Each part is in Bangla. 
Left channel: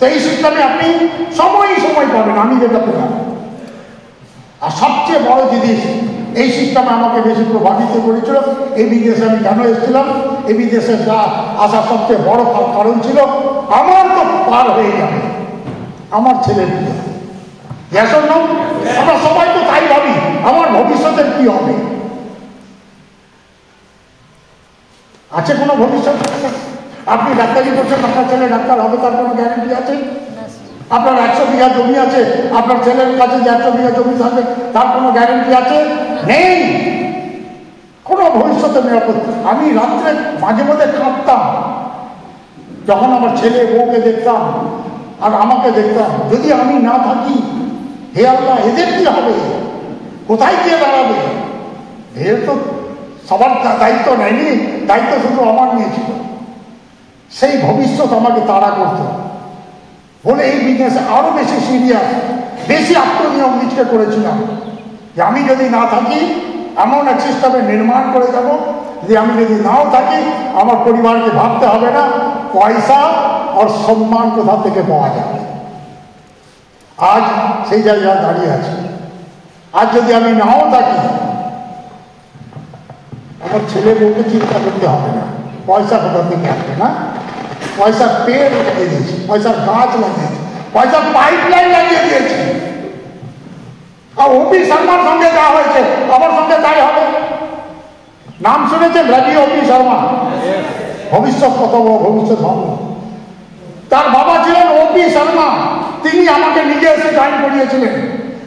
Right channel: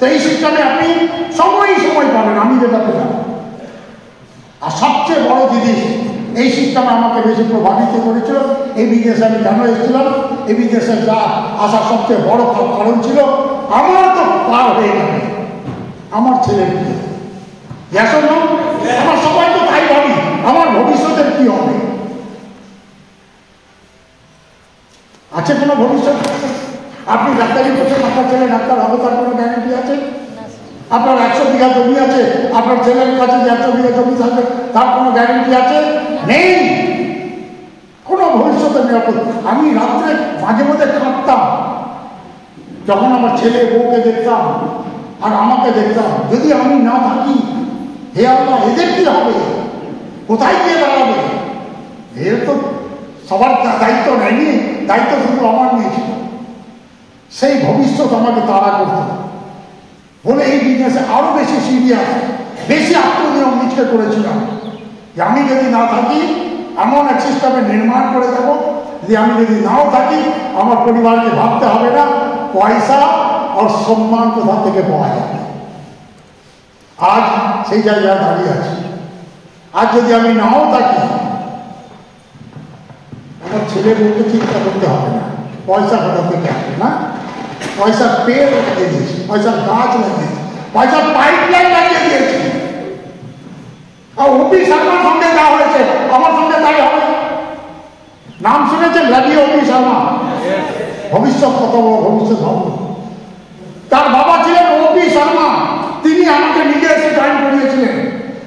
তো এই সিস্টেমে আপনি সময় পাবেন, আমি যেটা পেলাম। আর সবচেয়ে বড় জিনিস, এই সিস্টেমে আমাকে বেশি প্রভাবিত করেছিল, এই বিদেশে আমি কেন এসেছিলাম, এই বিদেশে যা আসার সবচেয়ে বড় কারণ ছিল আমার তো পার হয়ে যাবে আমার ছেলের বিয়ে। আমরা সবাই তো তাই ভাবি, আমার ভবিষ্যতের কি হবে, আছে কোনো ভবিষ্যৎ? আপনি ডাক্তারি করছেন, আপনার ছেলে ডাক্তার হবে তার কোনো গ্যারান্টি আছে? আপনার 100 বিঘা জমি আছে, আপনার ছেলের কাছে যে 100 বিঘা জমি থাকবে তার কোনো গ্যারান্টি আছে? নেই, কোনো ভবিষ্যতের নিরাপদ। আমি রাত্রে মাঝে মধ্যে কাঁদতাম যখন আমার ছেলে বউকে দেখতাম আর আমাকে দেখতাম, যদি আমি না থাকি, হে আল্লাহ এদের কি হবে, কোথায় গিয়ে দাঁড়াবে? এর তো সবার দায়িত্ব নেয়নি, দায়িত্ব শুধু আমার নিয়েছিল। সেই ভবিষ্যৎ আমাকে তাড়া করতো বলে এই বিজনেসে আরো বেশি সিরিয়াস, বেশি আত্মনিয়ম নিজকে করেছিলাম যে আমি যদি না থাকি এমন এক সিস্টেমে নির্মাণ করে দেবো যে আমি যদি নাও থাকি আমার পরিবারকে ভাবতে হবে না পয়সা আর সম্মান কোথা থেকে পাওয়া যাবে। আজ সেই জায়গায় দাঁড়িয়ে আছে। আজ যদি আমি নাও থাকি আমার ছেলে বউকে চিন্তা করতে হবে না, পয়সা কোথা থেকে আসবে না, পয়সার পেয়ে লাগিয়ে দিয়েছি, পয়সার গাছ লাগিয়েছি, পয়সার পাইপ লাইন লাগিয়ে দিয়েছি। আর ওপি শর্মার সঙ্গে যা হয়েছে আমার সঙ্গে তাই হবে। নাম শুনেছেন রবি ওপি শর্মা? ভবিষ্যৎ কত বড় ভবিষ্যৎ হবে। তার বাবা ছিলেন ওপি শর্মা, তিনি আমাকে নিজে এসে জয়েন করিয়েছিলেন,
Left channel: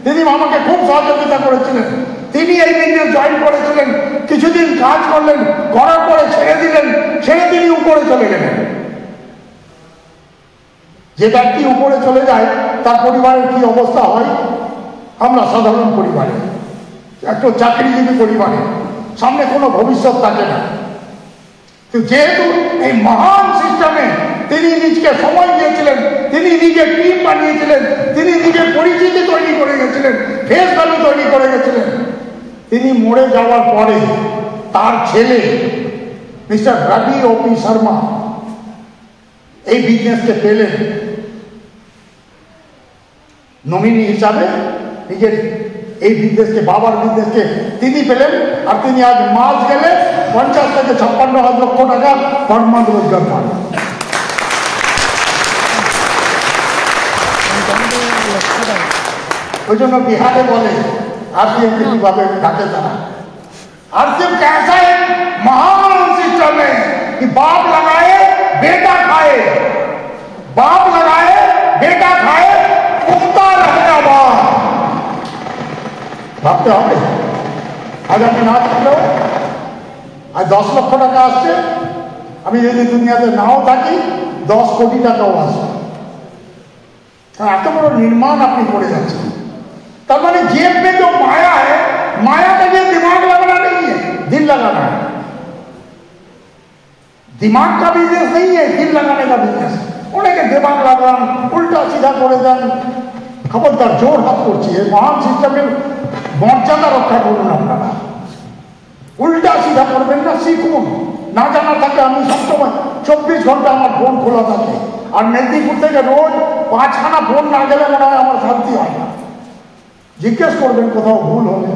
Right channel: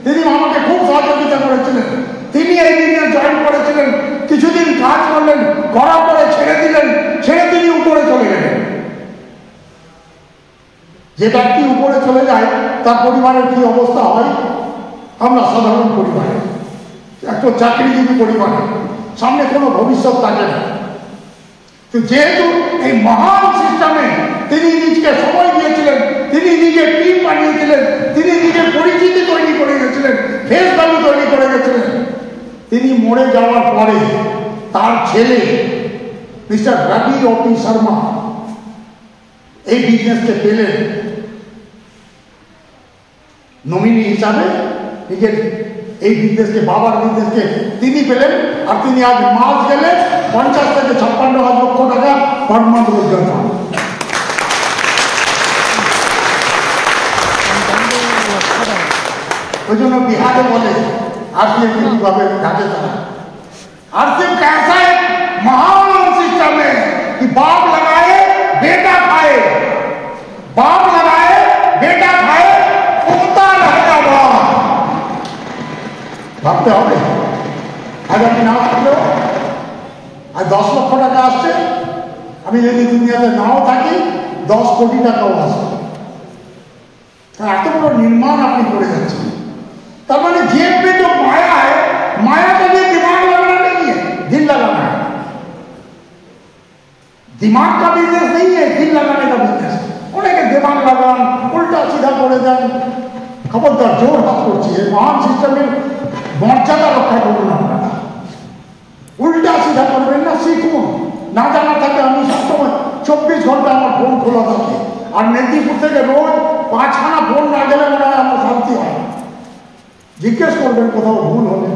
তিনি আমাকে খুব সহযোগিতা করেছিলেন। তিনি এই দিনে জয়েন করেছিলেন, কিছুদিন কাজ করলেন, করার পরে ছেড়ে দিলেন, ছেড়ে তিনি উপরে চলে গেলেন। যে ব্যক্তি উপরে চলে যায় তার পরিবারের কি অবস্থা হয়? আমরা সাধারণ পরিবারে, একটা চাকরিজীবী পরিবারে, সামনে কোনো ভবিষ্যৎ থাকে না। তো যেহেতু এই মহান সিস্টেমে তিনি নিজকে সময় দিয়েছিলেন, তিনি নিজের টিম বানিয়েছিলেন, তিনি নিজের পরিচিতি তৈরি করে গেছিলেন, ফেস ভ্যালু তৈরি করে গেছিলেন, তিনি মরে যাওয়ার পরে তার ছেলে মিস্টার রবি ওপি শর্মা এই বিজনেসকে পেলেন নমিনি হিসাবে। নিজের এই বিজনেসকে, বাবার বিজনেসকে তিনি পেলেন। আর তিনি আজ মাস গেলে 50 থেকে 56 লক্ষ টাকা পার মান্থ রোজগার পান। ওই জন্য বিহারে বলে आरसीएम ভাবে ডাকে তারা। आरसीएम कैसा है महान सिस्टम है कि बाप लगाए बेटा खाए, बाप लगाए बेटा खाए, उगता रहेगा बाप। ভাবতে হবে। আজ আমি না থাকলেও আজ 10 লক্ষ টাকা আসছে, আমি যদি দুনিয়াতে নাও থাকি 10 কোটি টাকাও আসবে। এত বড় নির্মাণ আপনি করে যাচ্ছেন। তার মানে जेब में जो माया है, माया के लिए दिमाग लगाना नहीं है, दिल लगाना है। दिमाग का बिजनेस नहीं है, दिल लगाने का बिजनेस। उन्हें दिमाग लगान उल्टा सीधा করে দেন, খবরদার জোর হাত করছি। এই মহান সিস্টেমের মর্যাদা রক্ষা করুন আপনারা। উল্টা সিধা করবেন না, শিখুন। না জানা থাকে আমি সবসময় 24 ঘন্টা আমার ফোন খোলা থাকে, আর মেদিনীপুর থেকে রোজ 5খানা ফোন না গেলে মনে হয় আমার শান্তি হয় না। জিজ্ঞেস করবেন কোথাও ভুল হলে,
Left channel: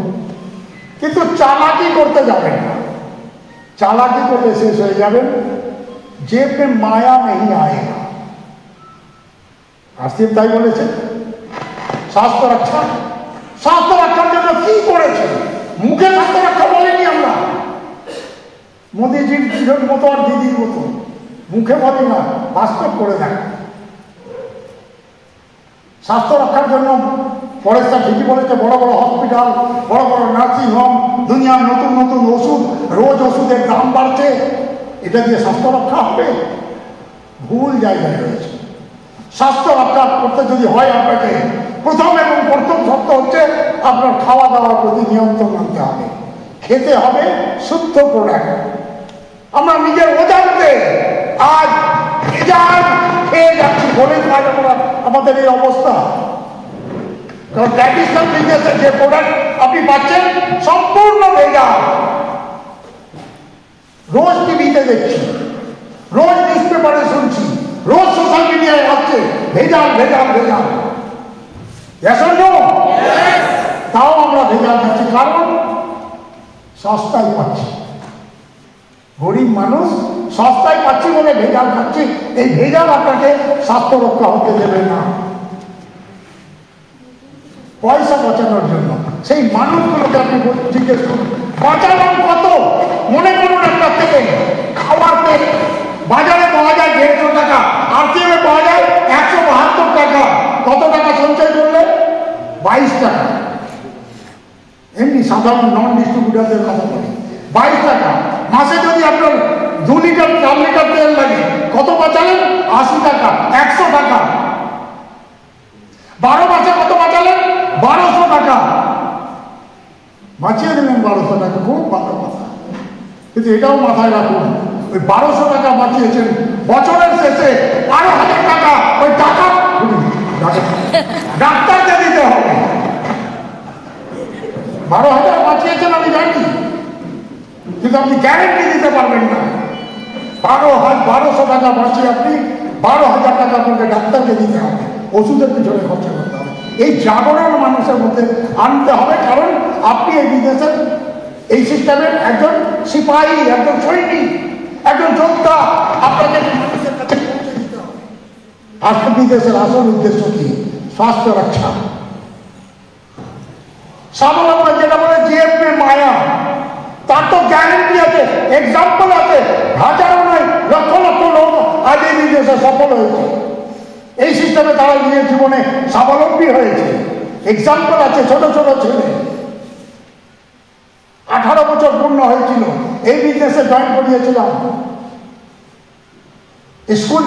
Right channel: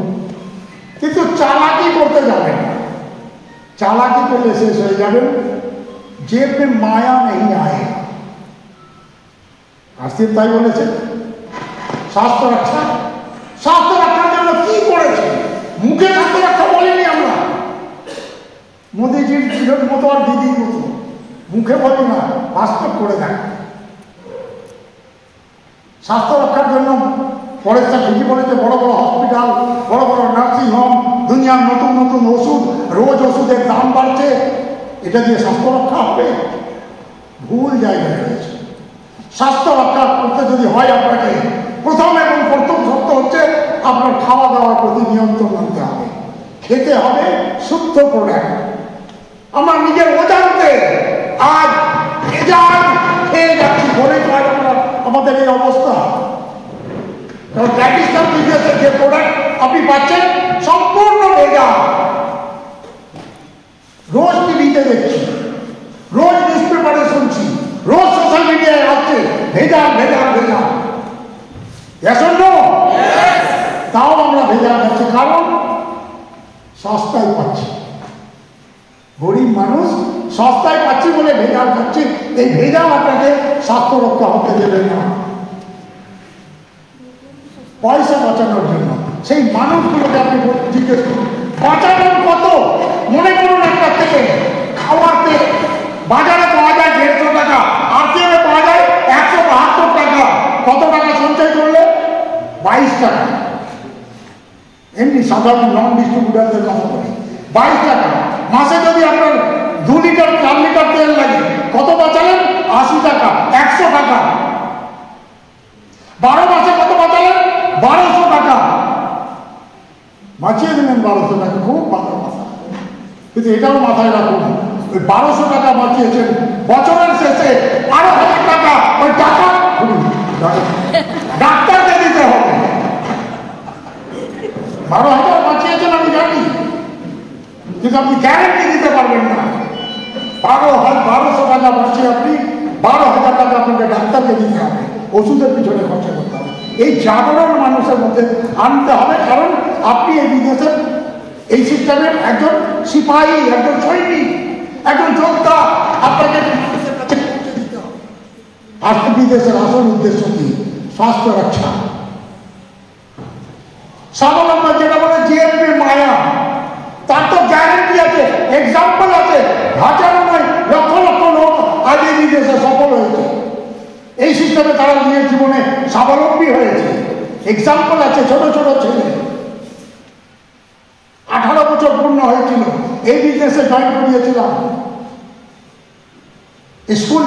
কিন্তু চালাকি করতে যাবেন না। চালাকি করলে শেষ হয়ে যাবেন। जेब में माया नहीं आएगा। आरसीएम তাই বলেছে। স্বাস্থ্য রক্ষা, স্বাস্থ্য রক্ষার জন্য কি করেছে? মুখে স্বাস্থ্য রক্ষা বলেনি আমরা, মোদীজির দিদির মতো আর দিদির মতো মুখে বলি না, বাস্তব করে দেন। স্বাস্থ্য রক্ষার জন্য ফরেস্টার ঠিকই বলেছে, বড় বড় হসপিটাল, বড় বড় নার্সিং হোম, দুনিয়ার নতুন নতুন ওষুধ, রোজ ওষুধের দাম বাড়ছে। এটা দিয়ে স্বাস্থ্য রক্ষা হবে? ভুল জায়গায় রয়েছে। স্বাস্থ্য রক্ষা করতে যদি হয় আপনাকে প্রথম এবং প্রথম শর্ত হচ্ছে আপনার খাওয়া দাওয়ার প্রতি নিয়ন্ত্রণ আনতে হবে। খেতে হবে শুদ্ধ প্রোডাক্ট। আমরা নিজের অজান্তে আজ ভেজাল খেয়ে যাচ্ছি বলে আমাদের এই অবস্থা। কারণ ট্র্যাডিশনাল বিজনেসের যে প্রোডাক্ট আপনি পাচ্ছেন সম্পূর্ণ ভেজাল। রোজ টিভিতে দেখছি, রোজ নিউজ পেপারে শুনছি, রোজ সোশ্যাল মিডিয়ায় আসছে ভেজাল ভেজাল ভেজাল। তাও আমরা ভেজাল খাচ্ছি, কারণ সস্তায় পাচ্ছি। গরিব মানুষ সস্তায় পাচ্ছি বলে ভেজাল খাচ্ছি। এই ভেজাল আপনাকে স্বাস্থ্য রক্ষা হতে দেবে না। পয়সা বাঁচানোর জন্য সেই মানুষগুলোকে আপনি জিজ্ঞেস করুন, বাঁচানোর কত? মনে করুন একটা থেকে খাওয়ার তেল বাজারে পাওয়া যায় 150 টাকা, আরটিএমে পাওয়া যায় 172 টাকা। কত টাকা সঞ্চয় করলে? 22 টাকা। এমনি সাধারণ নন ডিস্ট্রিবিউটারদের কাছ থেকে 22 টাকা। মাসে যদি আপনার 2 লিটার 4 লিটার তেল লাগে, কত বাঁচালেন? 80 টাকা, 100 টাকা। 12 মাসে কত বাঁচালেন? 1200 টাকা। বাঁচিয়ে দেবেন 1200 টাকা, খুব ভালো কথা। কিন্তু এটাও মাথায় রাখুন, ওই 1200 টাকা বাঁচিয়েছেন, বছরের শেষে 12,000 টাকা ওই টাকা ডাক্তারকে দিতে হবে। 12,000 বাঁচিয়েছেন আমি জানি, কিন্তু আপনি গ্যারেন্টি দিতে পারবেন না। 1200 টাকা বাঁচিয়ে আপনি 12,000 টাকা আপনাকে ডাক্তারকে দিতে হবে, ওষুধের পিছনে খরচা করতে হবে। এই জাগরণ মানুষের মধ্যে আনতে হবে, কারণ আপনি এই বিদেশের এই সিস্টেমের একজন সিপাহী, একজন সৈনিক, একজন যোদ্ধা। আপনাকে মানুষের কাছে পৌঁছে দিতে হবে। আসলে বিদেশের আসল উদ্দেশ্য কি? স্বাস্থ্য রক্ষা, স্বাবলম্বন, যেটা বলে জিএমপি মায়া, তার তো গ্যারেন্টি আছে, এক্সাম্পল আছে। হাজারো নয়, লক্ষ লক্ষ লোক আজ এই বিদেশে সফল হয়েছে। এই সিস্টেমে তারা নিজের জীবনে স্বাবলম্বী হয়েছে। এক্সাম্পল আছে, ছোট ছোট ছেলে 18 বছর পূর্ণ হয়েছিল, এই বিজনেসে জয়েন করিয়েছিলাম। স্কুল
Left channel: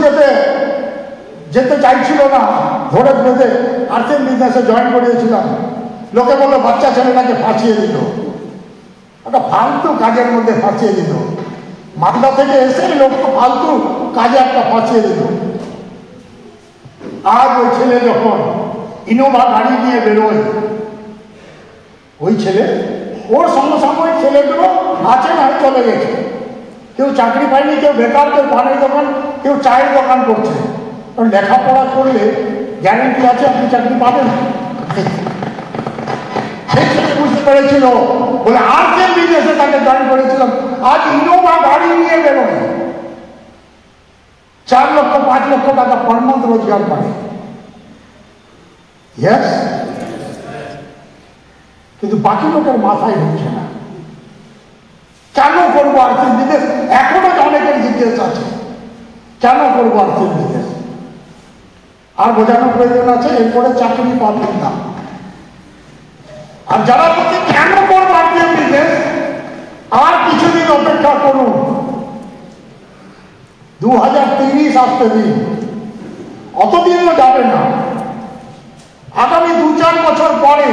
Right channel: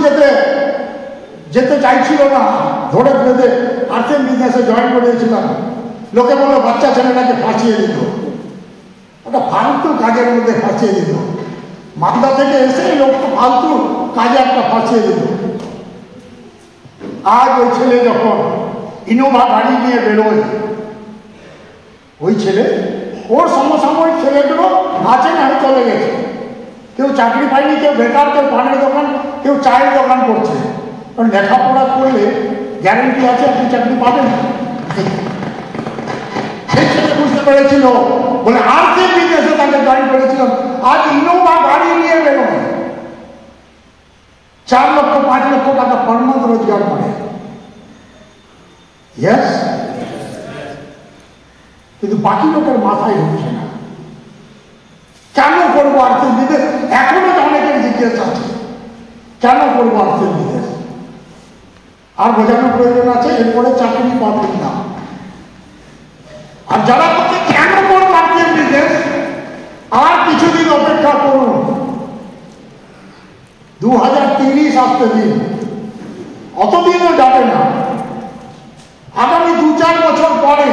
যেতে চাইছিল না, ভোরে বেঁধে আর্থিক বিজনেসে জয়েন করিয়েছিলাম। লোকে বললো বাচ্চা ছেলেটাকে ফাঁসিয়ে দিল, একটা ফালতু কাজের মধ্যে ফাঁসিয়ে দিল। মালদা থেকে এসেই লোক তো ফালতু কাজে একটা ফাঁসিয়ে দিল। আজ ওই ছেলে যখন ইনোভা গাড়ি নিয়ে বেরোয়, ওই ছেলে, ওর সমসাময়িক ছেলেগুলো আছে না, চলে গেছে। কেউ চাকরি পায়নি, কেউ বেকার, কেউ পানের দোকান, কেউ চায়ের দোকান করছে। লেখাপড়া করলে গ্যারেন্টি আছে আপনি চাকরি পাবেন। সেই ছেলে বুঝতে পেরেছিল বলে আর্থিক বিজনেসে তাকে জয়েন করেছিলাম। আজ ইনোভা গাড়ি নিয়ে বেরোয়, 4 লক্ষ 5 লক্ষ টাকা পার মান্থ রোজগার করে। কিন্তু বাকি লোকের মাথায় ঢুকছে না। কেন করবো আর্থিক বিদেশ? এখনো অনেকের জিজ্ঞেস আছে, কেন করবো আর্থিক বিদেশ? আর বোঝানোর প্রয়োজন আছে, এরপরে চাকরি পাবেন না। আর যারা বলছে কেন করবো আর্থিক বিদেশ, আর কিছুদিন অপেক্ষা করুন। 2030 আসতে দিন, অতদিনও যাবে না। আগামী 2-4 বছর পরে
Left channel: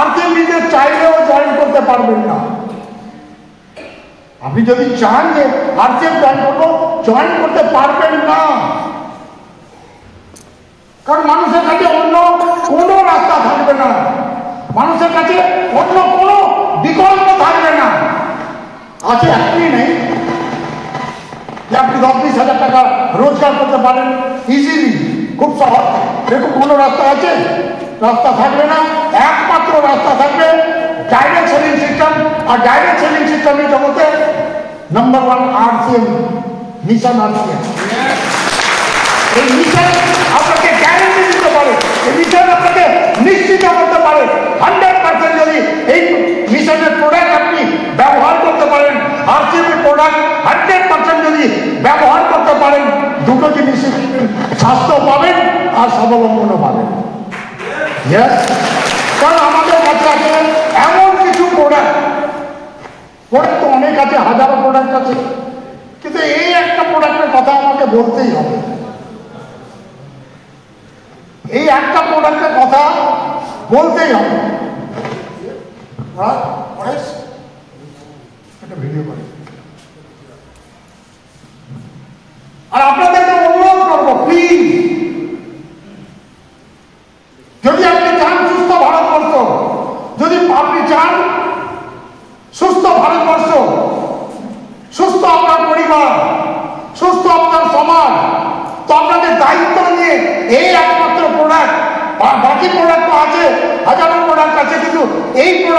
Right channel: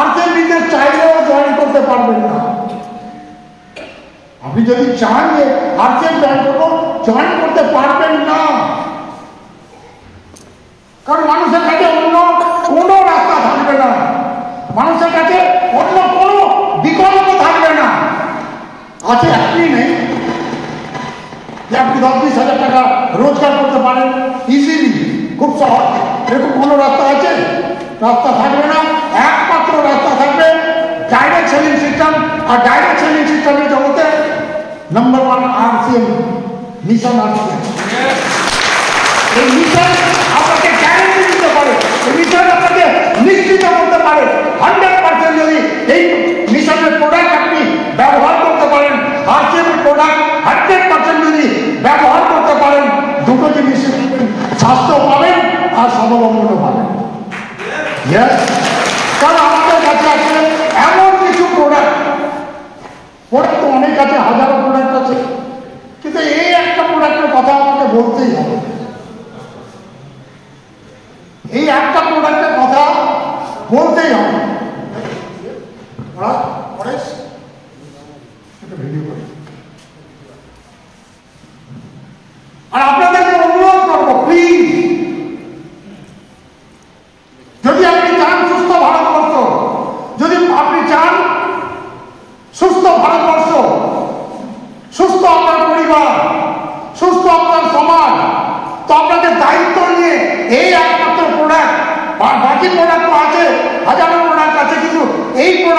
আর্থিক বিদেশ চাইলেও জয়েন করতে পারবেন না। আপনি যদি চান যে আর্থিক জয়েন করবো, জয়েন করতে পারবেন না। কারণ মানুষের কাছে অন্য কোনো রাস্তা থাকবে না, মানুষের কাছে অন্য কোনো বিকল্প থাকবে না। আছে আপনি নেই যে আপনি 10-20 হাজার টাকা রোজগার করতে পারেন ইজিলি, খুব সহজ। এরকম কোনো রাস্তা আছে? রাস্তা থাকবে না। একমাত্র রাস্তা থাকবে ডাইরেক্ট সেলিং সিস্টেম। আর ডাইরেক্ট সেলিং সিস্টেমের জগতে নাম্বার 1 আরসিএম মিশন। আরসিএম এই মিশন আপনাকে গ্যারেন্টি দিতে পারে, এই মিশন আপনাকে নিশ্চিত করতে পারে 100% যদি এই মিশনের প্রোডাক্ট আপনি ব্যবহার করতে পারেন, আরসিএমের প্রোডাক্ট 100% যদি ব্যবহার করতে পারেন, দুটো জিনিস পাবেন, স্বাস্থ্য পাবেন আর স্বাবলম্বনও পাবেন। কারণ আমাদের কাছে আছে এমন কিছু প্রোডাক্ট তো অনেক আছে, হাজারো প্রোডাক্ট আছে, কিন্তু এই একটা প্রোডাক্টের কথা আমাকে বলতেই হবে। এই একটা প্রোডাক্টের কথা বলতেই হবে। আর আপনাদেরকে অনুরোধ করবো, প্লিজ, যদি আপনি চান সুস্থ ভারতবর্ষ, যদি আপনি চান সুস্থ ভারতবর্ষ, সুস্থ আপনার পরিবার, সুস্থ আপনার সমাজ, তো আপনাকে দায়িত্ব নিয়ে এই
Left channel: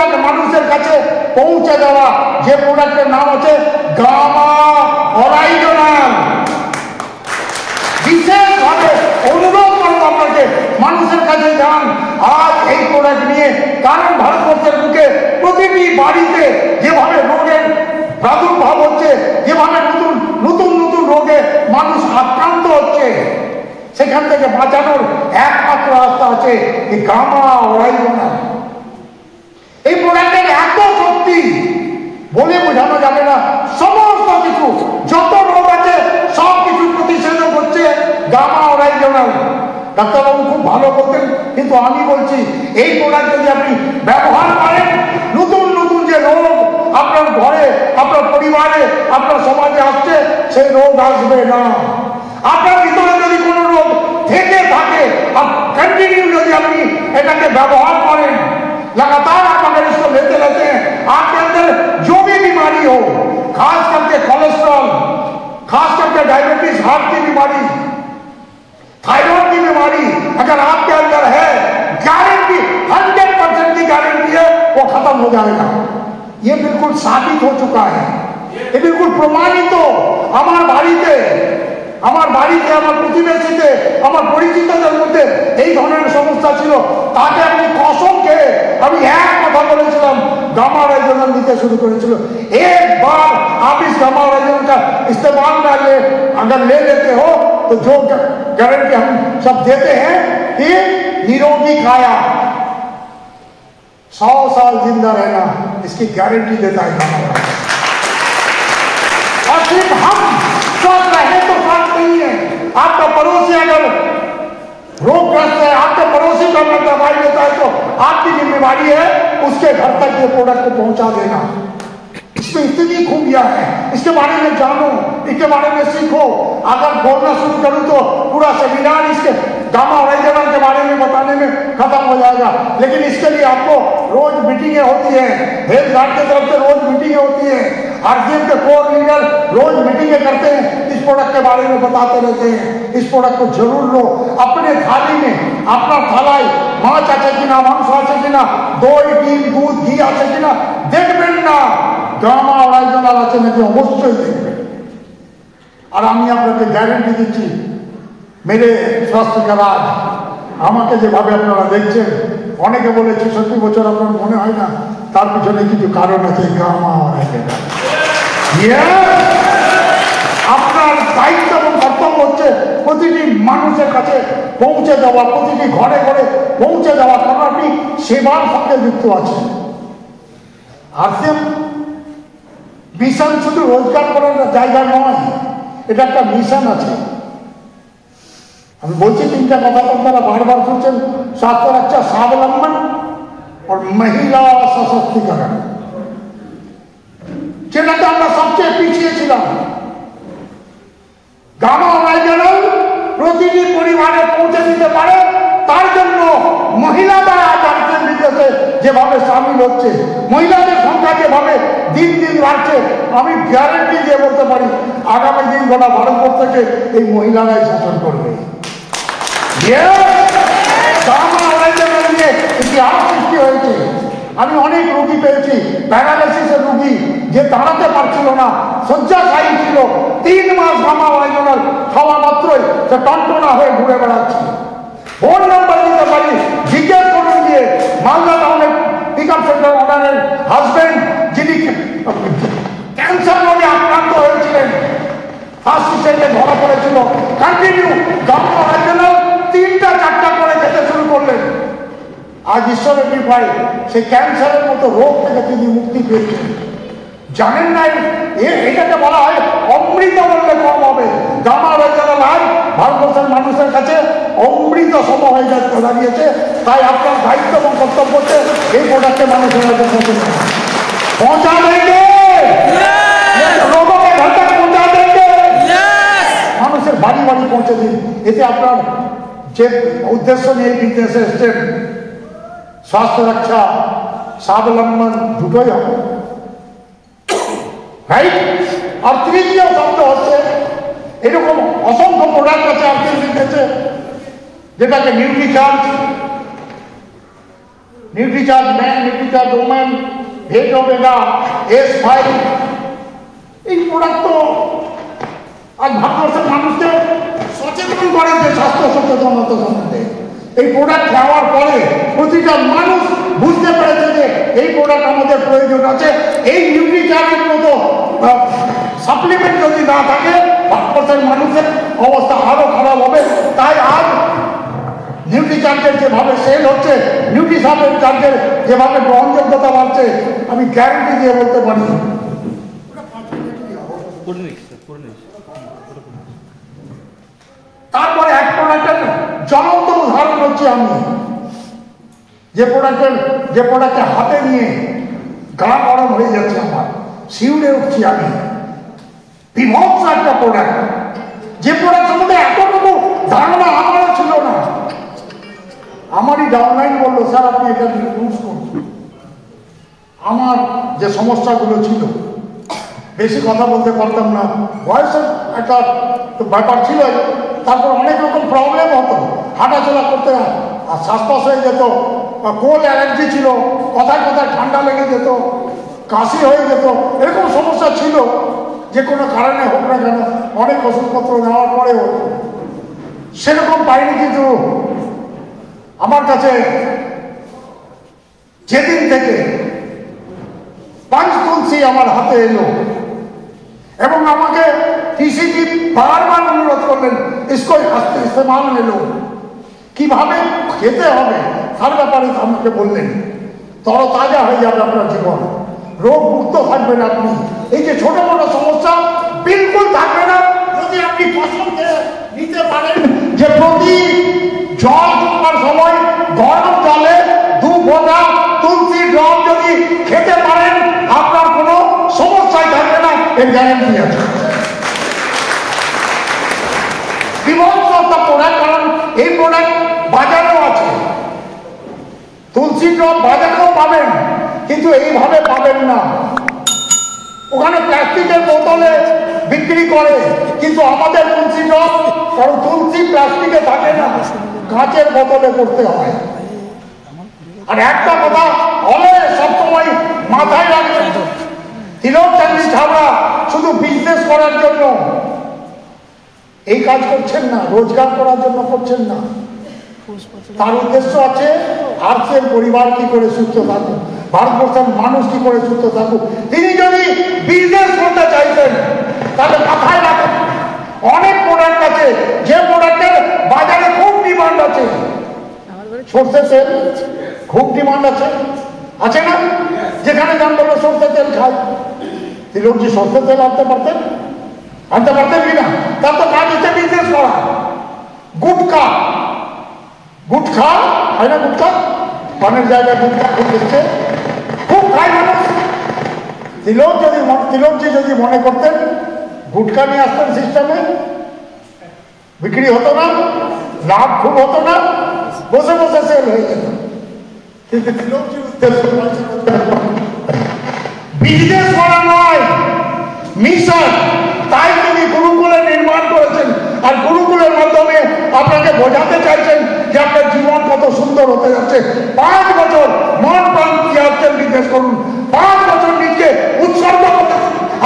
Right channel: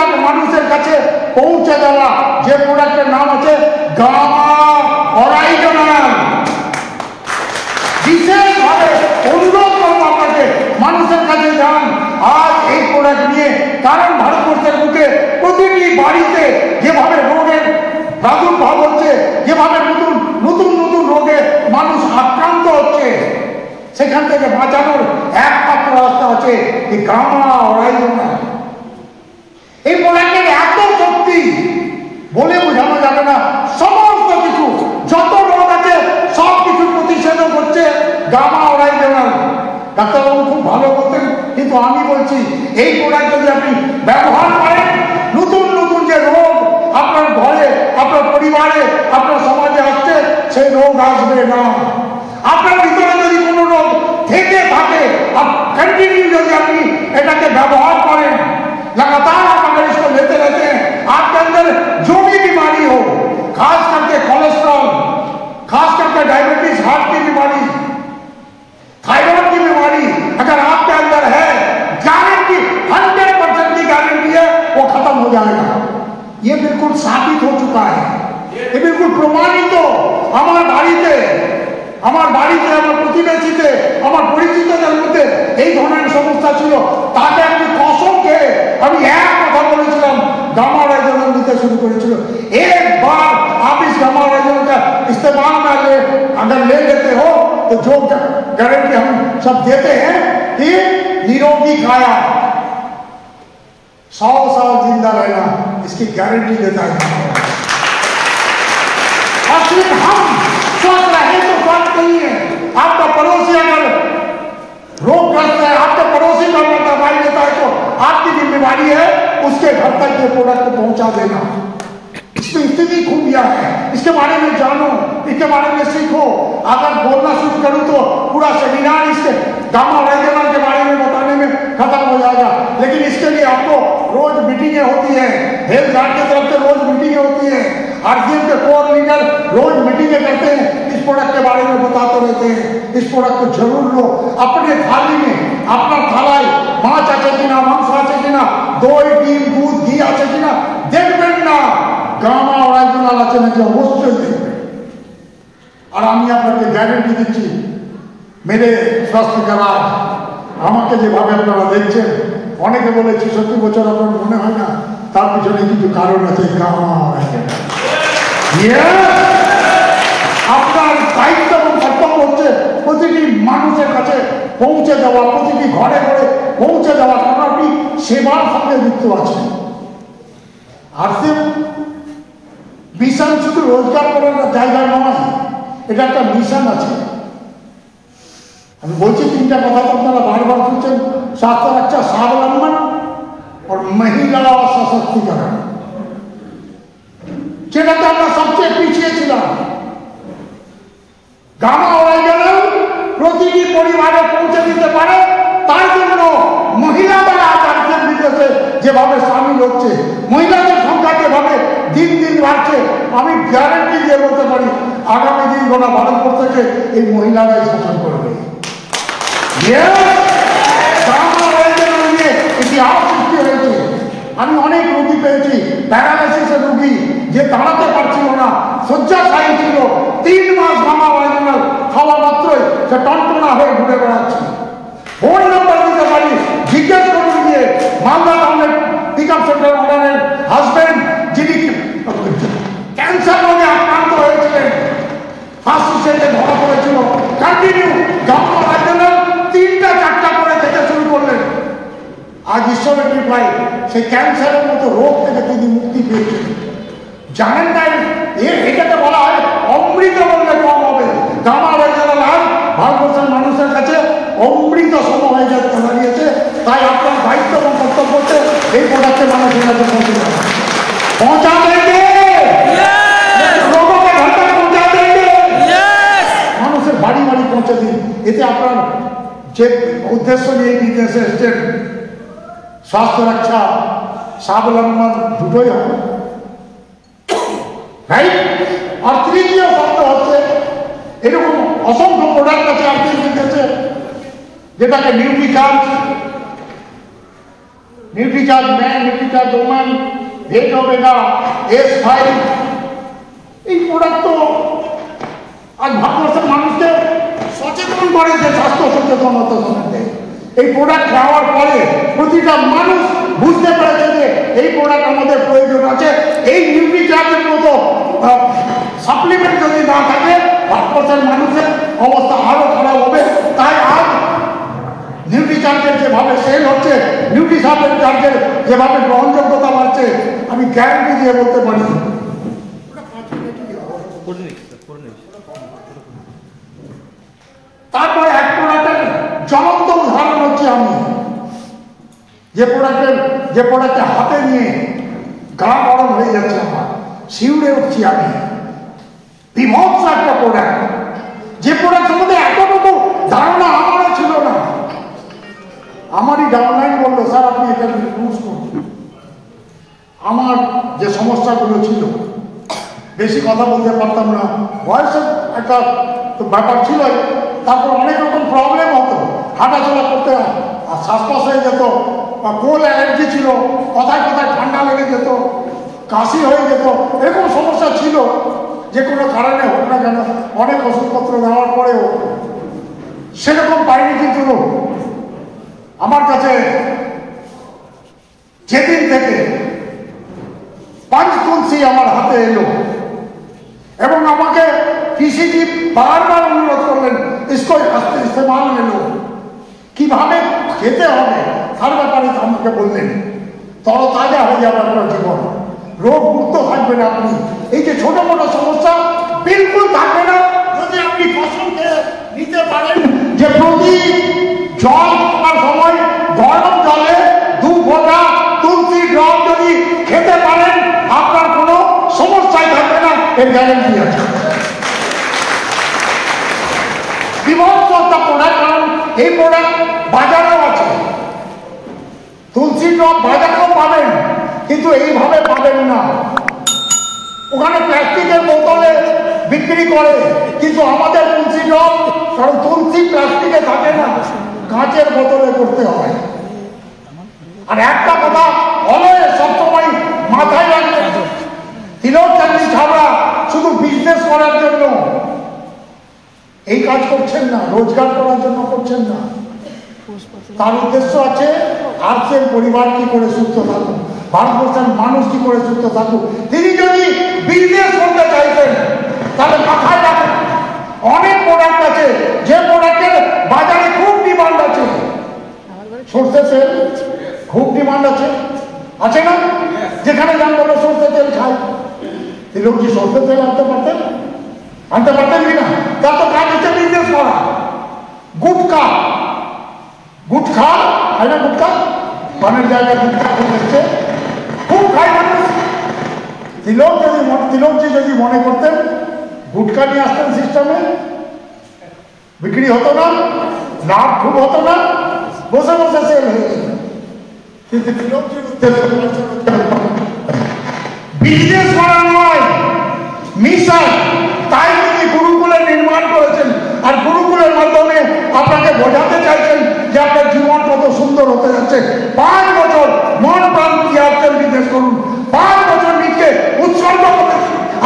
প্রোডাক্ট মানুষের কাছে পৌঁছে দেওয়া, যে প্রোডাক্টের নাম আছে গামা অরাইজনাল। বিশেষভাবে অনুরোধ করব আপনাকে, মানুষের কাছে যান আজ এই প্রোডাক্ট নিয়ে। কারণ ভারতবর্ষের বুকে প্রতিটি বাড়িতে যেভাবে রোগের প্রাদুর্ভাব হচ্ছে, যেভাবে নতুন নতুন নতুন রোগে মানুষ আক্রান্ত হচ্ছে, সেখান থেকে বাঁচানোর একমাত্র রাস্তা আছে এই গামা অরাইজনাল। এই প্রোডাক্টের এত শক্তি বলে বোঝানো যাবে না। সমস্ত কিছু, যত রোগ আছে সব কিছু প্রতিষেধক হচ্ছে গামা অরাইজনাল। ডাক্তারবাবু খুব ভালো করতেন, কিন্তু আমি বলছি এই প্রোডাক্ট যদি আপনি ব্যবহার করেন, নতুন নতুন যে রোগ আপনার ঘরে, আপনার পরিবারে, আপনার সমাজে আসছে, সেই রোগ আসবে না। আপনার ভিতরে যদি কোনো রোগ থেকে থাকে, কন্টিনিউ যদি আপনি এটাকে ব্যবহার করেন, लगातार आप अगर इसको लेते रहते हैं, आपके अंदर जो भी बीमारी हो, खास करके कोलेस्ट्रॉल, खास करके डायबिटीज, हार्ट की बीमारी, थायराइड की बीमारी अगर आपके अंदर है, गारंटी 100% की गारंटी है वो खत्म हो जाएगा। ये बिल्कुल साबित हो चुका है, ये बिल्कुल प्रमाणित हो। हमारे বাড়িতে আমার প্রতিবেশীতে, আমার পরিচিতদের মধ্যে এই ধরনের সমস্যা ছিল, তাকে আমি কসম খেয়ে আমি এক কথা বলেছিলাম, गामा ऑराइजनल নিতে শুরু করেছিল। एक बार आप इस गामा ऑराइजनल का इस्तेमाल अगर ले लेते हो तो जो गारंटी हम सब देते हैं कि निरोगी काया, 100 साल जिंदा रहना, इसकी गारंटी देता है। और सिर्फ हम स्वस्थ रहे तो बात नहीं है, आपका पड़ोसी अगर रोगग्रस्त है, आपके पड़ोसी को अगर दवाई देता है तो आपकी जिम्मेदारी है उसके घर तक ये प्रोडक्ट पहुंचा देना। इसमें इतनी खूबियां है, इसके बारे में जानो, इसके बारे में सीखो। अगर बोलना शुरू करूं तो पूरा सेमिनार इसके गामा ऑराइजनल के बारे में बताने में खत्म हो जाएगा। लेकिन इसके लिए आपको रोज मीटिंगें होती है, हेल्थ गार्ड की तरफ से रोज मीटिंगें होती है, आरसीएम के कोर लीडर रोज मीटिंगें करते हैं, इस प्रोडक्ट के बारे में बताते रहते हैं। इस प्रोडक्ट को जरूर लो, अपने थाली में, अपना थालाय माछ আছে কিনা, মাংস আছে কিনা, দই, ডিম, দুধ, ঘি আছে কিনা দেখবেন না, গামা অরাইজনাল আছে নাকি অবশ্যই দেখবেন। আর আমি আপনাকে গ্যারেন্টি দিচ্ছি, মেরে স্বাস্থ্য কার্ড আমাকে যেভাবে আপনারা দেখছেন, অনেকে বলে 66 বছর আপনার মনে হয় না, তার পিছনে কিছু কারণ আছে। গামা অরাইজনাল আপনার দায়িত্ব এবং কর্তব্য হচ্ছে প্রতিটি মানুষের কাছে পৌঁছে দেওয়া, প্রতিটি ঘরে ঘরে পৌঁছে দেওয়া, কারণ আপনি সেবার সঙ্গে যুক্ত আছেন। আর মিশন শুধু রোজগার করার জায়গা নয়, এটা একটা মিশন আছে। আমি বলছি তিনটা কথা আপনারা বারবার শুনছেন, स्वास्थ्य रक्षा, स्वावलंबन और महिला सशक्तिकरण। যেটাতে আমরা সবচেয়ে পিছিয়ে ছিলাম, গামা অরাইজনাল প্রতিটি পরিবারে পৌঁছে দিতে পারে। তার জন্য মহিলাদের আচার্যের বিদেশে যেভাবে সামিল হচ্ছে, মহিলাদের সংখ্যা যেভাবে দিন দিন বাড়ছে, আমি গ্যারেন্টি দিয়ে বলতে পারি আগামী দিন গোটা ভারতবর্ষ থেকে এই মহিলারাই শাসন করবে। গামা অরাইজনাল নিয়ে ইতিহাস সৃষ্টি হয়েছে। আমি অনেক রোগী পেয়েছি, প্যারালাইসিসের রোগী, যে দাঁড়াতে পারছিল না, শয্যাশায়ী ছিল, 3 মাস গামা অরাইজনাল খাওয়া মাত্রই সে টনটনা হয়ে ঘুরে বেড়াচ্ছে। ফোন নাম্বার দিতে পারি, জিজ্ঞেস করুন গিয়ে মালদা টাউনের পিক আপ সেন্টার ওনারের হাজবেন্ড, যিনি ক্যান্সার নামে আক্রান্ত হয়েছিলেন, ফার্স্ট স্টেজে ধরা পড়েছিল, কন্টিনিউ গামা অরাইজনাল 3টা-4টা করে খেতে শুরু করলেন। আজ ঈশ্বরের কৃপায় সেই ক্যান্সারের মতো রোগ থেকে তিনি মুক্তি পেয়েছেন। জানেন না, এটাকে বলা হয় অমৃত বললে কম হবে। গামা অরাইজনাল আর ভারতবর্ষের মানুষের কাছে অমৃত সম হয়ে যাচ্ছে দাঁড়িয়েছে। তাই আপনার দায়িত্ব এবং কর্তব্য হচ্ছে এই প্রোডাক্টের মানুষের কাছে পৌঁছা দেবে, রোগকে ঘাটে পৌঁছা দেবে, মানুষের বাড়ি বাড়ি পৌঁছে দিন। এতে আপনার যে উদ্দেশ্য নিয়ে বিদেশে এসছেন, स्वास्थ्य रक्षा, स्वावलंबन দুটোই হবে, রাইট? আর তৃতীয় শব্দ হচ্ছে এরকম অসংখ্য প্রোডাক্ট আছে আপনাদের কাছে, যেটাকে Nutricharge Nutricharge man, Nutricharge woman, ভেটো বেগা, S5, এই প্রোডাক্ট তো আজ ভারতবর্ষের মানুষকে সচেতন করার যে স্বাস্থ্য সচেতনতা সম্বন্ধে এই প্রোডাক্ট খাওয়ার পরে প্রতিটা মানুষ বুঝতে পেরেছে যে এই প্রোডাক্ট আমাদের প্রয়োজন আছে। এই নিউট্রিচার্জের মতো সাপ্লিমেন্ট যদি না থাকে ভারতবর্ষের মানুষের অবস্থা আরো খারাপ হবে। তাই আজ নিউট্রিচার্জের যেভাবে সেল হচ্ছে, নিউট্রিশনের চার্জের যেভাবে গ্রহণযোগ্যতা বাড়ছে, আমি গ্যারান্টি দিয়ে বলতে পারি। তারপরে এক প্রোডাক্টের জ্বলন্ত উদাহরণ হচ্ছে আমি যে প্রোডাক্টে হাতে নিয়ে গা গরম হয়ে যাচ্ছে, আমার শিউরে উঠছি আমি। বিভৎস একটা প্রোডাক্ট, যে প্রোডাক্টের মধ্যে এতটুকু ধারণা আমারও ছিল না। আমারই ডাউনলাইন বললো, স্যার আপনি এটা ইউজ করুন। আমার যে সমস্যাগুলো ছিল, বেশি কথা বলতে পারতাম না, বয়সের একটা ব্যাপার ছিল, তারপর অনেক রকম প্রবলেম হতো, হাঁটাচলা করতে শ্বাসকষ্ট হয়ে যেত, কোল্ড অ্যালার্জি ছিল, কথায় কথায় ঠান্ডা লেগে যেত, কাশি হয়ে যেত, এরকম সমস্যা ছিল। যে কোনো কারণে হোক না কেন অনেক ওষুধপত্র দেওয়ার পরেও সেরকম পাইনি। কিন্তু আমার কাছে যেদিন থেকে পঞ্চতুলসী আমার হাতে এলো এবং আমাকে পিসিজি বারবার অনুরোধ করলেন ইসকো ইস্তেমাল এলো, কিভাবে খেতে হবে তার ব্যাপারে আমাকে বললেন। তরতাজা হয়ে যাবে আপনার জীবন, রোগ মুক্ত থাকবেন আপনি। এই যে ছোট মোটো সমস্যা বিলকুল থাকবে না যদি আপনি কসম খেয়ে নিতে পারেন যে প্রতি জল খাওয়ার সময় গরম জলে 2 ফোঁটা তুলসী ড্রপ যদি খেতে পারেন আপনার কোনো সমস্যাই থাকবে না, এর গ্যারান্টি আছে। বিভৎস প্রোডাক্ট, কারণ এই প্রোডাক্ট বাজারেও আছে, তুলসী ড্রপ বাজারেও পাবেন, কিন্তু এইভাবে পাবেন না। ওখানে প্লাস্টিকের বোতলে বিক্রি করে, কিন্তু আমাদের তুলসী ড্রপ, কারণ তুলসী প্লাস্টিকে থাকে না, কাঁচের বোতলে করতে হয়। আর একটা কথা অলওয়েজ সবসময় মাথায় রাখবেন, তিলক চাকরি ছাড়া শুধু বিজনেস করার জন্য এই কাজ করছেন না, রোজগার করার জন্য করছেন না। তার উদ্দেশ্য আছে আর্থের পরিবার কি করে সুস্থ থাকুক, ভারতবর্ষের মানুষ কি করে সুস্থ থাকুক। তিনি যদি বিজনেস করতে চাইতেন তাহলে মাথায় রাখেন অনেক প্রোডাক্ট আছে যে প্রোডাক্টের বাজারে খুব ডিমান্ড আছে। সরষে তেল খুব ডিমান্ড আছে, আছে না? যেখানে যান বলো সরষে তেল খাই, তিলকজি সরষে তেল আনতে পারতেন কিনা? তার তো কাজ হচ্ছে বিজনেস করা। গুটখা হয় না, গুটখা পানের জায়গায় গুটখা খুব এসছে, খুব খায় মানুষ। তিলকজি যদি মনে করতেন গুটখা নিয়ে আসতেন সিস্টেমে, বিক্রি হতো না, লাভ খুব হতো না, বসে বসে সেল হয়ে যেত। কিন্তু তিলকজির উদ্দেশ্য বিজনেস করা নয়, মিশন। তাই তিনি গুরুকুলের নির্মাণ করেছেন, আর গুরুকুলের মাধ্যমে আপনাকে বোঝাতে চাইছেন যে আপনার জীবন কত সুন্দর হতে যাচ্ছে। 5 বছর মন প্রাণ দিয়ে আসছেন, বিজনেস করুন, 5 বছর নিচে উৎসর্গ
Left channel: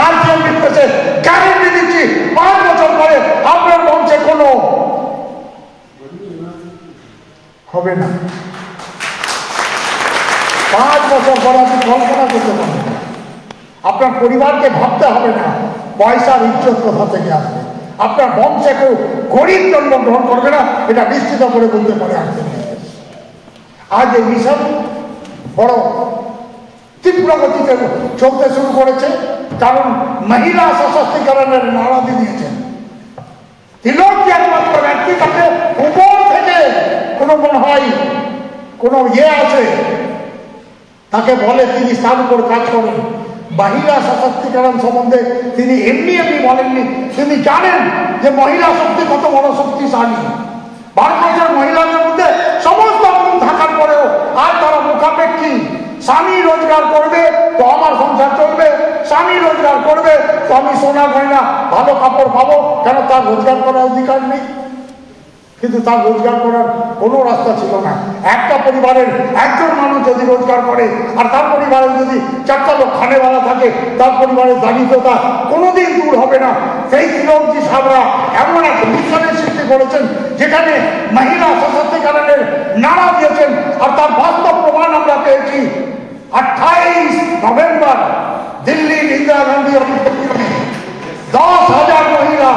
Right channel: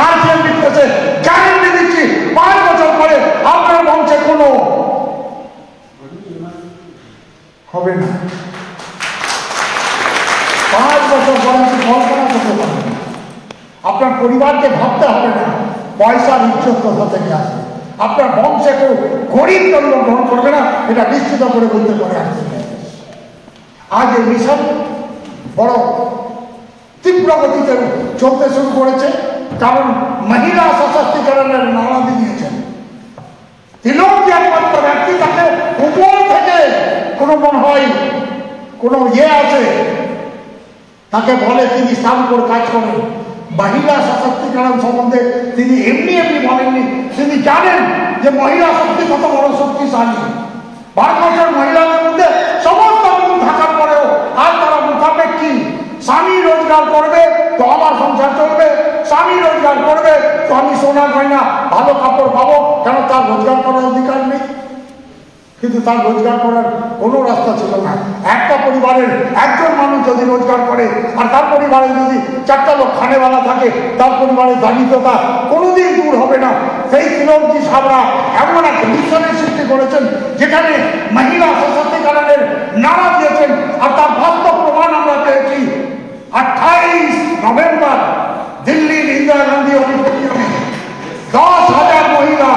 আসছেন বিজনেসে। গ্যারান্টি দিচ্ছি 5 বছর পরে আপনার বংশে কোনো হবে না। 5 বছর পরে আপনি কল্পনা করতে পারেন, আপনার পরিবারকে ভাবতে হবে না পয়সার ইজ্জত কোথা থেকে আসবে। আপনার বংশে কেউ গরিব জন্ম গ্রহণ করবে না, এটা নিশ্চিত করে বলতে পারে। আজ এই মিশন বড় তীব্র গতিতে চলতে শুরু করেছে, কারণ মহিলা সশক্তিকরণের নারা দিয়েছেন। তিলকজি একমাত্র ব্যক্তি, তাকে উপর থেকে কোনো মনে হয় কোনো আছে, তাকে বলে তিনি তার উপর কাজ করেন। মহিলা সশক্তিকরণ সম্বন্ধে তিনি এমনি বলেননি, তিনি জানেন যে মহিলা শক্তি কত বড় শক্তিশালী। ভারতবর্ষের মহিলাদের মধ্যে সমস্ত গুণ থাকার পরেও আর তারা মুখাপেক্ষী। স্বামী রোজগার করবে তো আমার সংসার চলবে, স্বামী রোজগার করবে তো আমি সোনা গয়না ভালো কাপড় পাবো, কেন তার রোজগার করার অধিকার নেই? কিন্তু তার রোজগার করার কোনো রাস্তা ছিল না। একটা পরিবারের একজন মানুষ যদি রোজগার করে আর তার পরিবারে যদি 4টা লোক খানেওয়ালা থাকে, তার পরিবারের দারিদ্রতা কোনোদিন দূর হবে না। সেই তিলকজি সাহেবরা এমন এক মিশনের সৃষ্টি করেছেন যেখানে মহিলা সশক্তিকরণের নাড়া দিয়েছেন, আর তার বাস্তব প্রমাণ আমরা পেয়েছি। 28 নভেম্বর দিল্লির ইন্দিরা গান্ধী অডিটোরিয়ামে 10,000 মহিলা,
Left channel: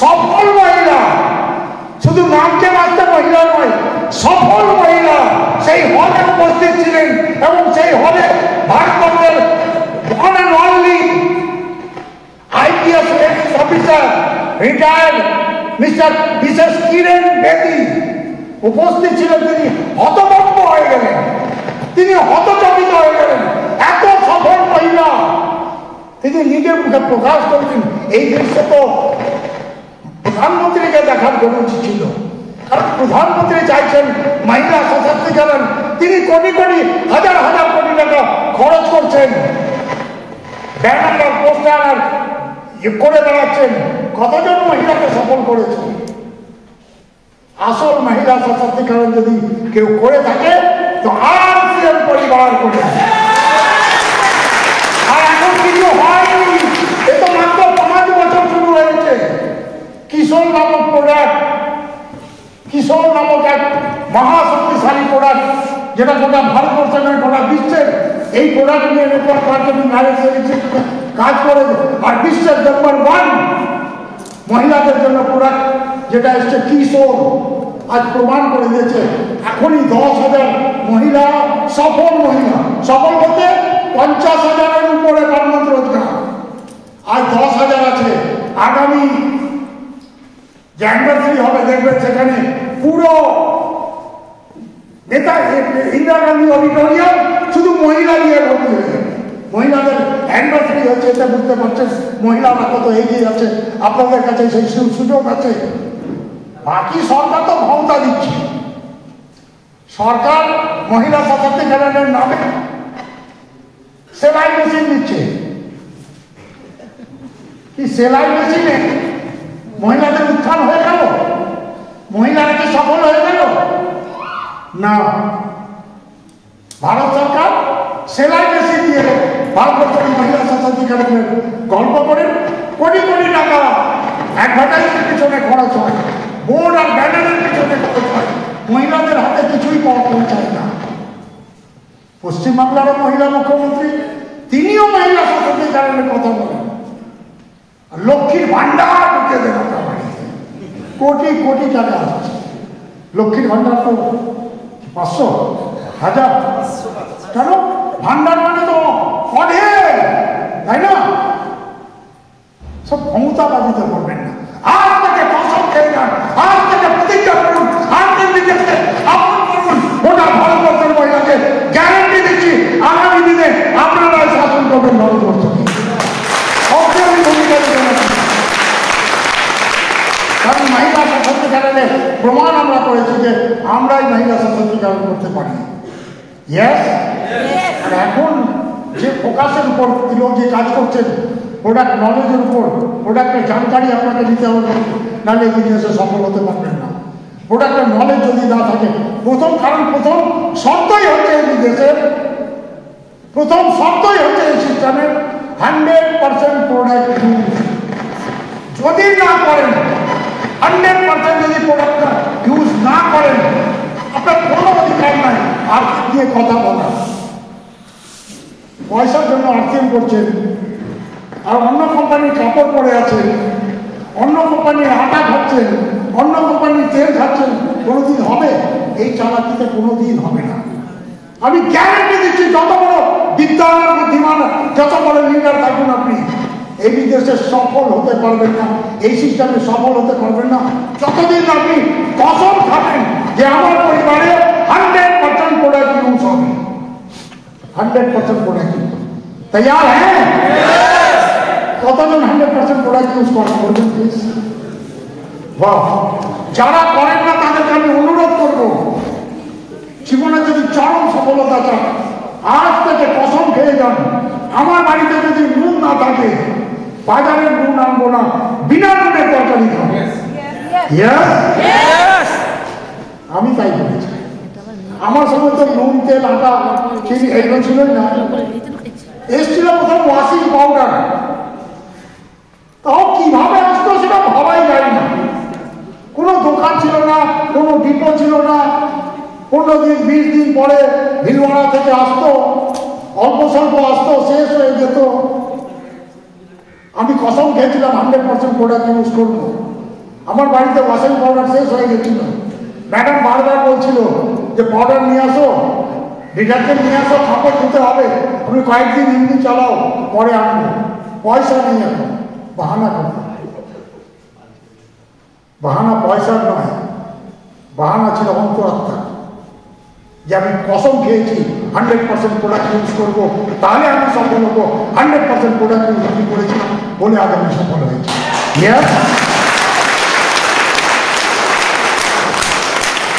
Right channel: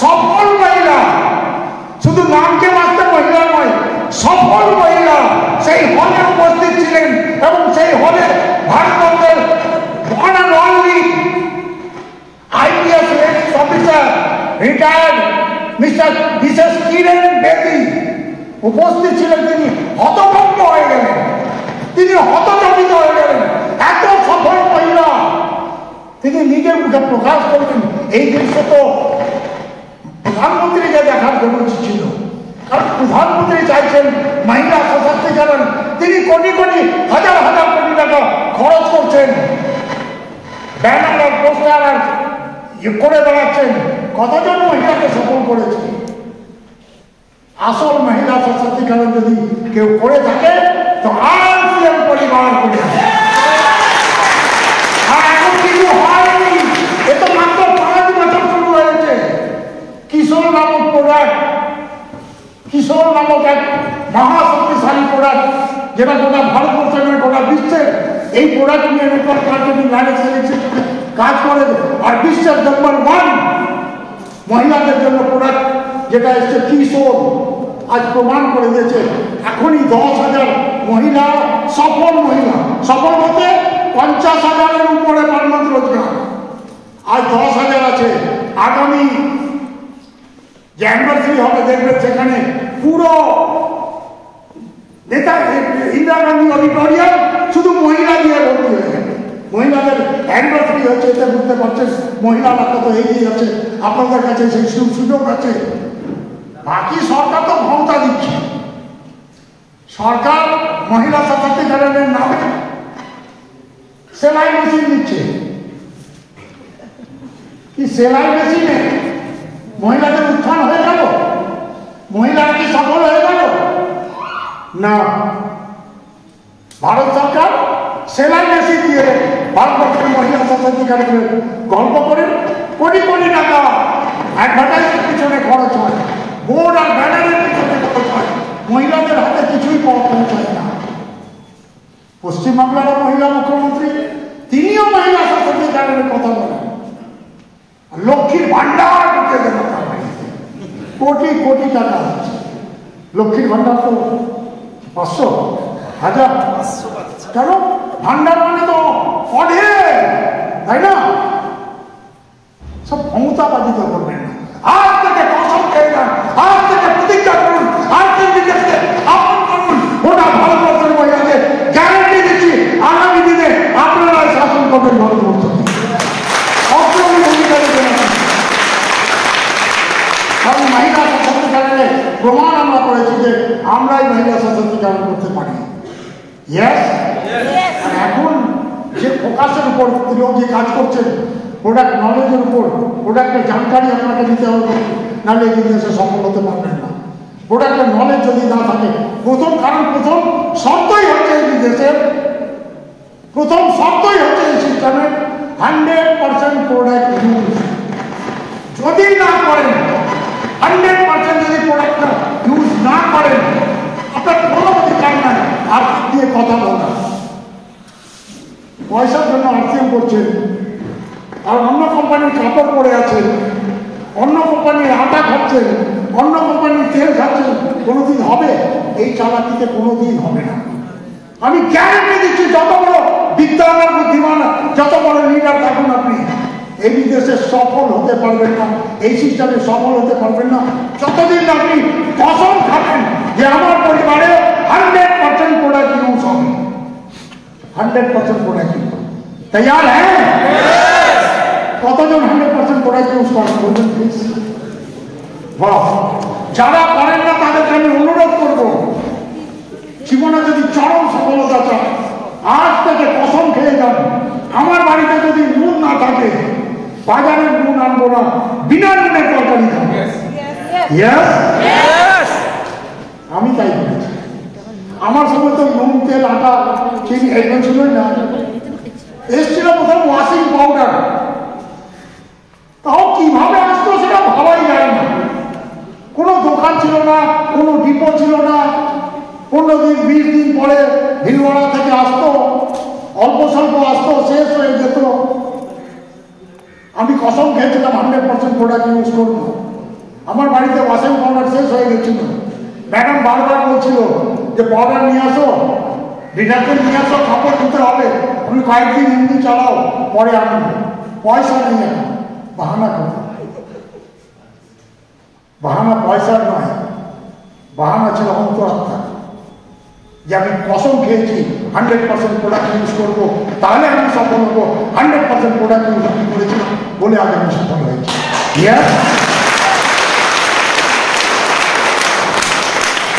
সফল মহিলা, শুধু নামকে মাত্র মহিলা নয়, সফল মহিলা সেই হলে উপস্থিত ছিলেন। এবং সেই হলে ভারতবর্ষের one and only IPS officer retired mister বিশেষ কিরেন বেদি উপস্থিত ছিলেন। তিনি হতভম্ব হয়ে গেলেন, তিনি হতচকিত হয়ে গেলেন। এত সফল মহিলা তিনি নিজের মুখে প্রকাশ করলেন। এই দৃশ্য তো প্রধানমন্ত্রীকে দেখার জন্য ছিল, কারণ প্রধানমন্ত্রী চাইছেন মহিলা সশক্তিকরণ। তিনি কোটি কোটি হাজার হাজার কোটি টাকা খরচ করছেন, ব্যানার আর পোস্টার আর করে বেড়াচ্ছেন। কতজন মহিলাকে সফল করেছে? আসল মহিলা সশক্তিকরণ যদি কেউ করে থাকে তো আর সিএম পরিবার করে। আর এখন কিছু হয়নি, এ তো মাত্র 5 বছর শুরু হয়েছে। কিশোর নামক প্রোডাক্ট, কিশোর নামক এক মহাশক্তিশালী প্রোডাক্ট, যেটা গোটা ভারতবর্ষের নয় গোটা বিশ্বের এই প্রোডাক্ট নিয়ে নেটওয়ার্ক মার্কেটিং ডাইরেক্ট সেলেকশন কাজ করে। আর বিশ্বের নম্বর 1 মহিলাদের জন্য প্রোডাক্ট যেটা এসছে কিশোর, আজ প্রমাণ করে দিয়েছে। এখনই 10,000 মহিলা, সফল মহিলা, সফল বলতে 50,000-এর উপরে পারমানেন্ট রোজগার, আজ 10,000 আছে। আগামী যে অ্যানিভার্সারি হবে দেখবেন সেখানে পুরো নেতা ইন্দিরা গান্ধী অডিটোরিয়াম শুধু মহিলা দিয়ে ভর্তি হয়ে যাবে। মহিলাদের অ্যানিভার্সারি হচ্ছে, এটা বুঝতে পারছেন মহিলারা কত এগিয়ে আছে। আপনাদের কাছে সেই সুযোগ আছে। বাকি সরকার তো ক্ষমতা দিচ্ছে, সরকার মহিলা সশক্তিকরণের নামে সেলাই মেশিন দিচ্ছে। কি সেলাই মেশিনে মহিলাদের উত্থান হয়ে গেল? মহিলারা কি সফল হয়ে গেল? না, ভারত সরকার সেলাই মেশিন দিয়ে ভারতবর্ষের মহিলা সশক্তিকরণের গল্প করে কোটি কোটি টাকা অ্যাডভার্টাইজের পিছনে খরচ হয়, বোর্ড আর ব্যানারের পিছনে খরচ হয়, মহিলাদের হাতে কিছুই পাওয়া পৌঁছায় না। পশ্চিমবাংলার মহিলা মুখ্যমন্ত্রী তিনিও মহিলা সশক্তিকরণের কথা বলেন। লক্ষ্মীর ভান্ডার ঢুকে দেন, কোটি কোটি টাকা আসছে। লক্ষ্মীর ভান্ডার তো 500, 1000, কেন? ভান্ডার মানে তো অঢেল, তাই না? সব ক্ষমতাবাদিত করবেন না। হাত থেকে কসম খেয়ে যান, হাত থেকে প্রতিজ্ঞা করুন, হাত থেকে আপন করুন। গোটা ভারতবর্ষের মহিলাকে গ্যারান্টি দিচ্ছি আগামী দিনে আপনারা শাসন করবেন ভারতবর্ষকে। অগ্রণী ভূমিকা দেবেন। কারণ মহিলা সশক্তিকরণের প্রমাণ আমরা করেছি যে আমরাই মহিলা সশক্তিকরণ করতে পারি। এখন যে ফোকাসের উপর লোক যে কাজ করছেন, প্রোডাক্ট নলেজের উপর, প্রোডাক্টের জানকারি আপনাকে দিতে হবে, নাহলে এই বিজনেসে সফল হতে পারবেন না। প্রোডাক্টের নলেজ যদি না থাকে, প্রথম শর্তই হচ্ছে এই বিজনেসের, প্রথম শর্তই হচ্ছে এই সিস্টেমের 100% প্রোডাক্ট ইউজ। যদি না করেন, 100% যদি প্রোডাক্টটা ইউজ না করেন, আপনার কোনো অধিকার নাই আর দিয়ে কথা বলা। পয়সার জন্য আর্থিং করছেন, আর অন্য কোম্পানির কাপড় পরে আছে, অন্য কোম্পানির আটা খাচ্ছেন, অন্য কোম্পানির তেল খাচ্ছেন, কোনোদিন হবে? এই চালাকিতে কোনোদিন হবে না। আমি গ্যারান্টি দিচ্ছি, যত বড় বিদ্যান আর বুদ্ধিমান, যত বড় লিডার থাকুন আপনি, এই বিদেশে সফল হতে পারবেন না, এই সিস্টেমে সফল হতে পারবেন না যতদিন আপনি কসম খাবেন যে আমার পরিবারে 100% প্রোডাক্ট ইউজ হবে। 100% প্রোডাক্ট ইউজ তৈয়ার হ্যাঁ? কতজন 100% প্রোডাক্ট ইউজ করেন বলবেন প্লিজ? বাহ! যারা করেন না তাদেরকে আমি অনুরোধ করবো, জীবনে যদি চরম সফলতা চান, আজ থেকে কসম খেয়ে যান, আমার বাড়িতে যদি নুন না থাকে, বাজারের নুন আনবো না, বিনা নুনের তরকারি খাবো। আমি তাই বলেছি। আমার সময় তো নুন তেল আটা চিনি এগুলো ছিলই না, এসছিল প্রথম ওয়াশিং পাউডার। তাও কিভাবে আসতো সেটা ভাবাই যায় না। কোনো দোকান ছিল না, কোনো ডিপো ছিল না। 15 দিন 20 দিন পরে ভিলওয়াড়া থেকে আসতো, অল্প স্বল্প আসতো, শেষ হয়ে যেত। আমি কসম খেয়েছিলাম 100% প্রোডাক্ট ইউজ করবো। আমার বাড়িতে ওয়াশিং পাউডার শেষ হয়ে গেছিল। ম্যাডাম বারবার বলছিল যে পাউডার নিয়ে আসো, ডিটারজেন্ট নিয়ে আসো, কাপড় ধুতে হবে। আমি কয়েকদিন এমনি চালাও, পরে আনবো। পয়সা নেই এখন, বাহানা করতে। বাহানা পয়সার নয়, বাহানা ছিল অন্তরাত্মা, যে আমি কসম খেয়েছি 100% প্রোডাক্ট ইউজ করবো, তাহলে আমি সফল হবো। 100% প্রোডাক্ট ইউজ আমি করেছিলাম বলে আজ আমি সফল হয়েছি।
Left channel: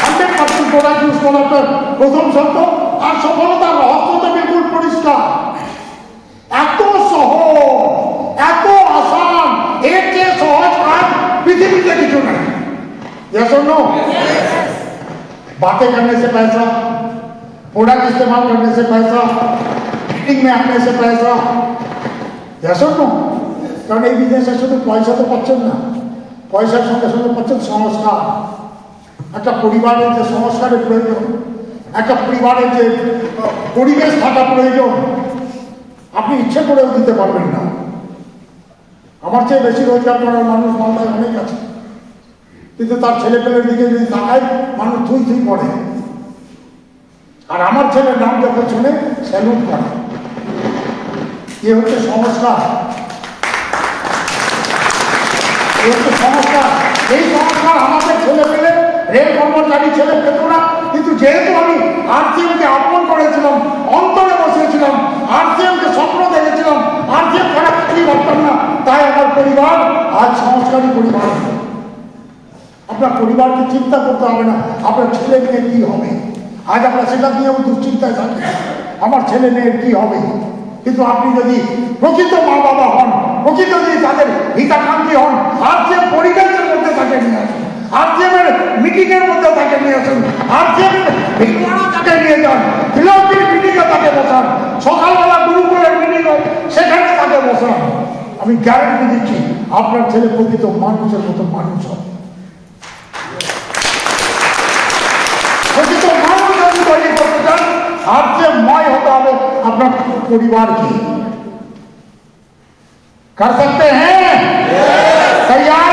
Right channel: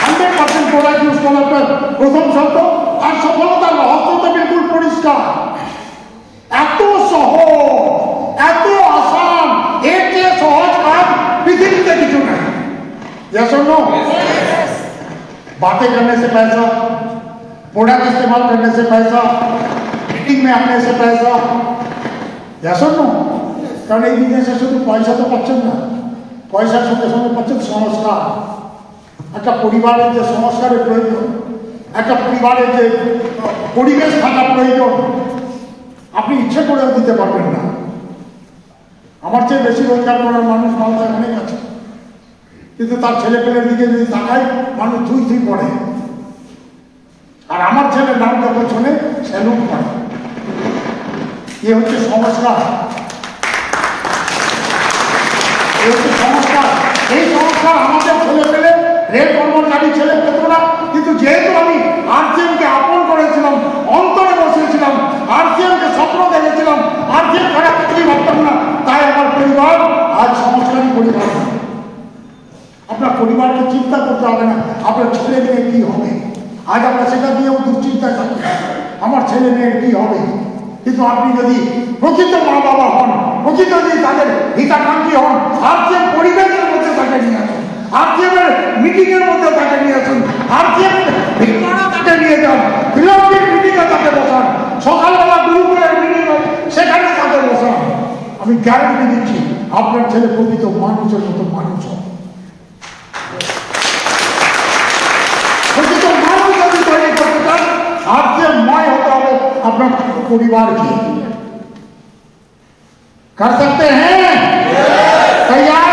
100% প্রোডাক্ট ইউজ করার প্রথম শর্ত, আর সফলতার রহস্যটা বিলকুল পরিষ্কার। এত সহজ, এত আসান, এর চেয়ে সহজ কাজ পৃথিবীতে কিছু নাই। बातें करने से पैसा, प्रोडक्ट इस्तेमाल करने से पैसा, मीटिंग में आने से पैसा, কারণ এই বিদেশে শুধু পয়সা তো পাচ্ছেন না, পয়সার সঙ্গে সঙ্গে পাচ্ছেন সংস্কার। একটা পরিবারের যে সংস্কারের প্রয়োজন, একটা পরিবারের যে পরিবেশ থাকার প্রয়োজন, আপনি ইচ্ছে করেও দিতে পারবেন না। আমার চেয়ে বেশি রোজগার করার মানুষ মালদায় অনেক আছে, কিন্তু তার ছেলে পেলের দিকে যদি তাকায় মানুষ ধুই ধুই পড়ে। আর আমার ছেলের নাম যখন শুনে স্যালুট করে। এ হচ্ছে সংস্কার, এই হচ্ছে সংস্কার। এই সংস্কার আমাদের ছেলে পেলে রেল কর্মচারী ছেলে পেত না, কিন্তু যেহেতু আমি আরসিএমকে আপন করেছিলাম, অন্তরে বসিয়েছিলাম, আরসিএমকে স্বপ্ন দেখেছিলাম, আরসিএম খারাপ কিছুই ভাবতাম না, তাই আমার পরিবার আজ সংস্কারী পরিবার। আপনার পরিবারকে চিন্তা করতে হবে না আপনার ছেলে মেয়ে কি হবে। আজ আমরা সেটা দিয়েও দুশ্চিন্তায় থাকি, আমার ছেলে মেয়ের কি হবে। কিন্তু আপনি যদি প্রকৃত মা বাবা হন, প্রকৃত যদি তাদের হিতাকাঙ্ক্ষী হন, আরসিএম পরিবেশের মধ্যে তাকে নিয়ে আসুন, আরসিএমের মিটিং এর মধ্যে তাকে নিয়ে আসুন, আরসিএমের ভিড়ভাড়া তাকে নিয়ে যান, ফিলআপের মিটিংয়ে তাকে বসান, সকালবেলা গ্রুপের মিটিং সেখানে তাকে বসান। আমি গ্যারান্টি দিচ্ছি আপনার ছেলে প্রকৃত মানুষের মতো মানুষ হবে। अपना परिवार की कर सकते हैं, तैयार